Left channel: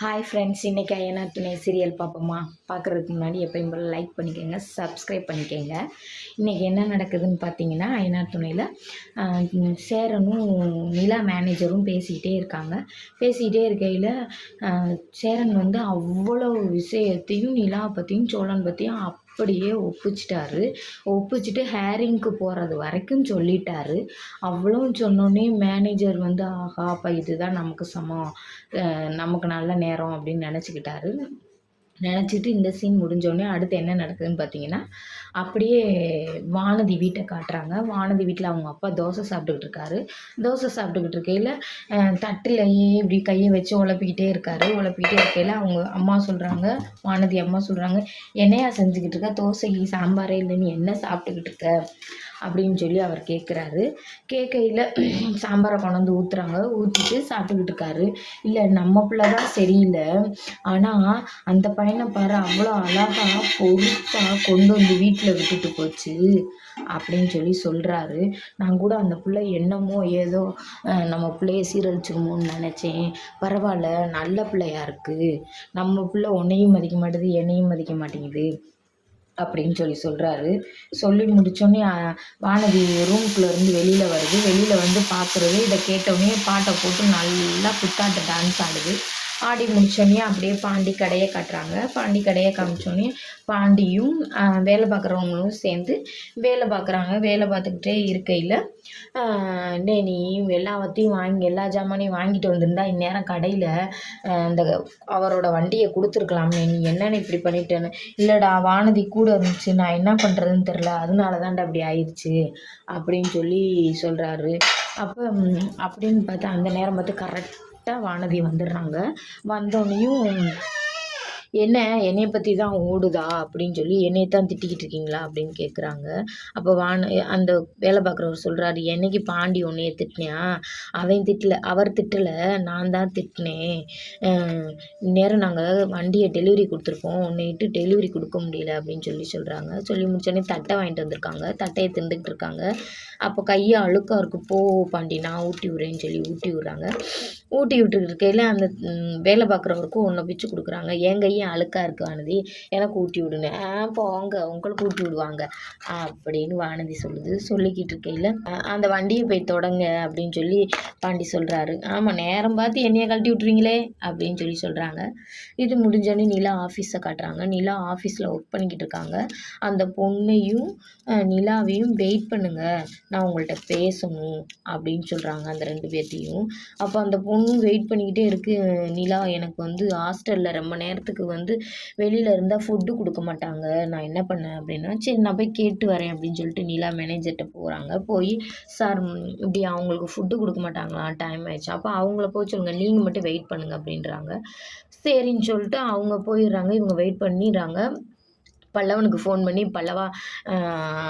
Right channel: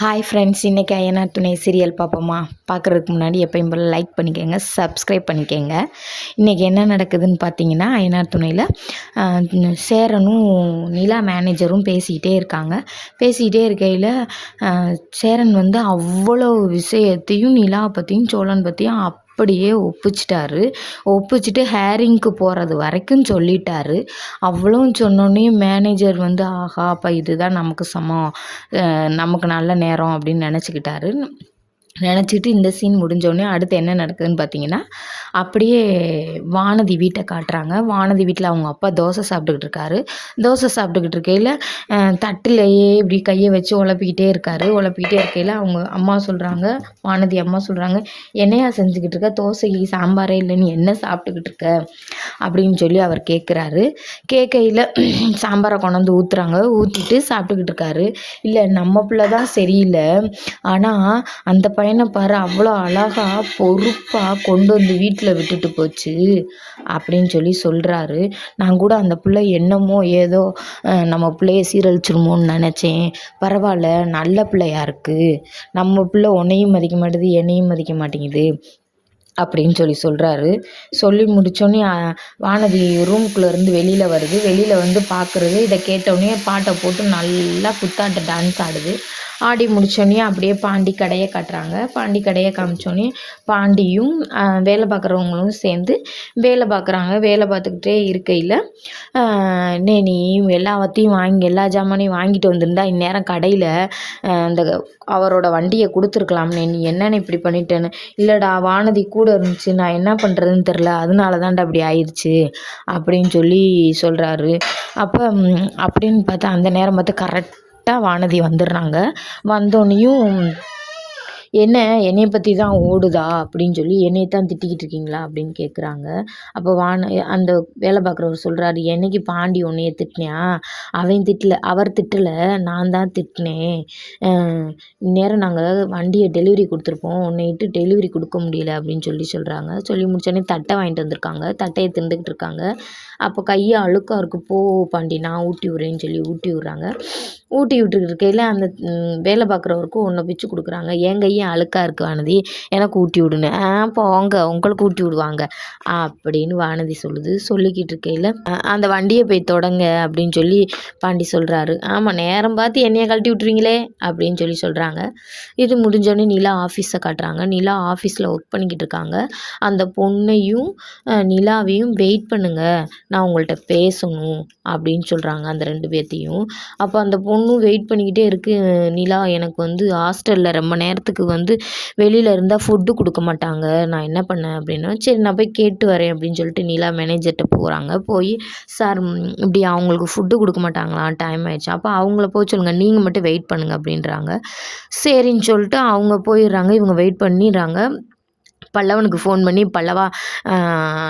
Hi friends, இன்றைக்கி அய்யனார் துணை serial பார்ப்போமா? பார்க்குறதுக்கு முன்னாடி எப்பயும் போல் லைக் பண்ணிக்கோங்க, சப்ஸ்கிரைப் பண்ணிக்கோங்க. இன்றைக்கி என்ன நடக்குதுன்னு பார்த்தீங்கன்னா, அய்யனார் துணையில் சேரனும் நிலா மேனேஜரும் பேசிக்கிட்டே இருக்காங்க. பேசிக்கிட்டே இருக்கையில் சேரன் வந்து அவ்வளோ விஷயத்தையும் நிலாவை பற்றியும் சோழன் பற்றியும் அப்படியே ஒப்பிச்சிட்டு ஹேரிங்க்கு போகிறது வரைக்கும் சொல்லிட்டாரு. அவ்வளவும் சொன்னோடனே மேனேஜர் வந்து ஆஹா, அப்போ இதுதான் நமக்கு சமம், நமக்கு நல்ல நேரம் அப்படின்னு நினச்சிக்கிட்டு இந்த சீன் முடிஞ்சோடனே அடுத்து என்ன நடக்குதுன்னு பார்த்தீங்கன்னா, அப்படியே வானதி வீட்டை காட்டுறாங்க. வானதி வீட்டில் அவங்க அப்பா தோசை சாப்பிட்டுக்கிட்டு இருக்கையில் தட்டிலையே இப்படி கையை வச்சு உழப்பிக்கிட்டே இருக்கையில் அவங்க அம்மா சொல்கிறாங்க, வானதி அம்மா சொல்கிறாங்க, என்னையா செஞ்சுக்கிட்டு இருக்க, தோசைக்கு சாம்பாரே இல்லைன்னு என்ன சாப்பிட்டுக்கிட்டு இருக்க அப்படின்னு சொல்லி அவர் கேட்கையில் சாம்பாரை கொண்டாந்து ஊற்றிட்டு சாப்பிட்டுக்கிட்டு இருக்காரு. இல்லை, நம்ம பிள்ளை தான் சரியில்லை, ஆனால் அந்த பையனை பாரு, அவ்வளோ அழகாக பொறுப்பாக கொண்டு வந்து வீட்டில் விட்டுட்டு போச்சு அப்படின்னு சொல்லி சொல்கிறாரு. நான் கூட அந்த பிள்ளை என்னமோ ஏதோ நம்ம பிள்ளைய சீரழிச்சிருமோன்னு நினச்சேன். பரவாயில்ல, நல்ல பிள்ளையா இருக்குது, நம்ம பிள்ளை உன்னையும் மதிக்க மாட்டேது, என்னையும் மதிக்க மாட்டேங்குது அப்படின்னு சொல்கிறாரு. சொல்லி முடித்தோடனே வானதி ரூம்குள்ளேருந்து வெளியில் வந்து பார்க்குறது. இதை கேட்டவுடனே பாட்டை போட்டு நல்லா குத்தாட்ட டான்ஸ் ஆடுது. ஆடி முடித்தோடனே அப்படியே பாண்டி கடையை காட்டுறாங்க. பாண்டி கடையை காமிச்சோடனே பாண்டியும் வேலை பார்க்குறவங்களும் சேர்ந்து வேலை பார்க்குறாங்க. வேலை பார்த்துக்கிட்டே இருக்கையில் நீ எல்லா ஜாமானையும் வாங்கிட்டு வந்திருந்தா இந்நேரம் கடையில் அந்த அவரோட வண்டியை கொடுத்துருக்கலாம்னே, நீ என்னென்னு இப்படி பண்ணிட்டேன்னு. இல்லைடா, வானதி கூட இருந்துச்சு, நான் என்ன பண்ணுறதுன்னு தெரில, அதனால தான்டா அப்படி ஆயிடுச்சு அப்படின்னு சொல்கிறாரு. அப்போ அப்படின்னு பார்த்தா அந்த நேரம் பார்த்து கரெக்டாக வானதி வந்துடுறாங்க. வந்தோடனையும் என்னைய பற்றி தான் ஓடுதா அப்படின்னு சொல்லி என்னைய தான் திட்டிக்கிட்டு இருக்கீங்களா அப்படின்னு கேட்குறாங்க. அப்போ அந்த வேலை பார்க்குறவர் சொல்கிறாரு, என்னைக்கு பாண்டி உன்னைய திட்டினா, அவர் திட்டலை, நான் தான் திட்டினேன். இந்நேரம் நாங்கள் வண்டியை டெலிவரி கொடுத்துருப்போம், உன்னையிட்டு டெலிவரி கொடுக்க முடியல அப்படின்னு சொல்கிறாங்க. சொல்லி முடிச்சோடனே தட்டை வாங்கிட்டு வந்திருக்காங்க. தட்டையை திண்டுக்கிட்டு இருக்காங்க. அப்போ கையை அழுக்காக இருக்குது, போ பாண்டி நான் ஊட்டி விட்றேன்னு சொல்லி ஊட்டி விட்றாங்க. ஊட்டி விட்டுக்கிட்டு இருக்கையில் அந்த வேலை பார்க்குறவருக்கும் ஒன்றை பிச்சு கொடுக்குறாங்க. என் கையும் அழுக்காக இருக்குது வானதி, எனக்கு ஊட்டி விடுன்னு. போங்க, உங்களுக்கு ஊட்டி விடுவாங்க அப்படின்னு வானதி சொல்லிக்கிட்டு இருக்கையில் அந்த வண்டியை போய் தொடங்க அப்படின்னு சொல்லி பாண்டி சொல்கிறாரு. ஆமாம், நேரம் பார்த்து என்னையை கழட்டி விட்டுருவீங்களே அப்படின்னு சொல்கிறாங்க. இது முடிஞ்சோடனே நிலா ஆஃபீஸை காட்டுறாங்க. நிலா ஆஃபீஸில் ஒர்க் பண்ணிக்கிட்டு இருக்காங்க. அந்த பொண்ணையும் நிலாவையும் வெயிட் பண்ணுங்க, நான் உங்கள்கிட்ட பேசணும் அப்படின்னு சொல்கிறாங்க அந்த 2 பேர்த்தையும். அப்போ அந்த பொண்ணும் வெயிட் பண்ணிக்கிட்டே இருக்குது. நிலா, எனக்கு வந்து ஹாஸ்டலில் ரொம்ப நேரத்துக்கு வந்து வெளியில் இருந்தால் ஃபுட்டு கொடுக்க மாட்டாங்க, நான் என்ன பண்ணேன் அப்படின்னா, சரி நான் போய் கேட்டு வரேன் அப்படின்னு சொல்லிட்டு நிலா மேனேஜர்கிட்ட போகிறாங்க. போய் சார் இப்படி அவங்களுக்கு ஃபுட்டு கொடுக்க மாட்டாங்களா, டைம் ஆயிடுச்சு, அப்போ அவங்கள போய் சொல்லுங்கள், நீங்கள் மட்டும் வெயிட் பண்ணுங்கள் அப்படின்றாங்க. சரின்னு சொல்லிட்டு அவங்க போயிடுறாங்க. இவங்க வெயிட் பண்ணிடுறாங்க. பல்லவனுக்கு ஃபோன் பண்ணி, பல்லவா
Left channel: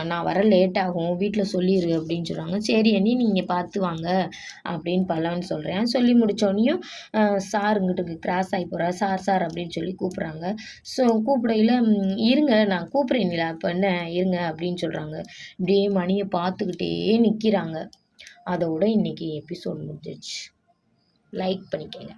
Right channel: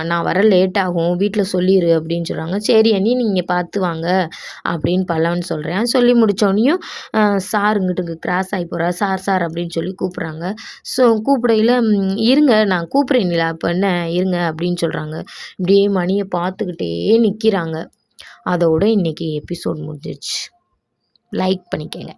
நான் வர லேட் ஆகும், வீட்டில் சொல்லிடு அப்படின்னு சொல்கிறாங்க. சரி அண்ணி, நீங்கள் பார்த்து வாங்க அப்படின்னு பல்லவன் சொல்கிறேன். சொல்லி முடித்தோடனையும் சார் இங்கிட்டு கிராஸ் ஆகி போகிறார். சார் அப்படின்னு சொல்லி கூப்பிட்றாங்க. கூப்பிடையில் இருங்க நான் கூப்பிட்றேன் நிலா, இப்போ என்ன இருங்க அப்படின்னு சொல்கிறாங்க. இப்படியே மணியை பார்த்துக்கிட்டே நிற்கிறாங்க. அதோட இன்றைக்கி எபிசோட் முடிஞ்சிடுச்சு. லைக் பண்ணிக்கங்க.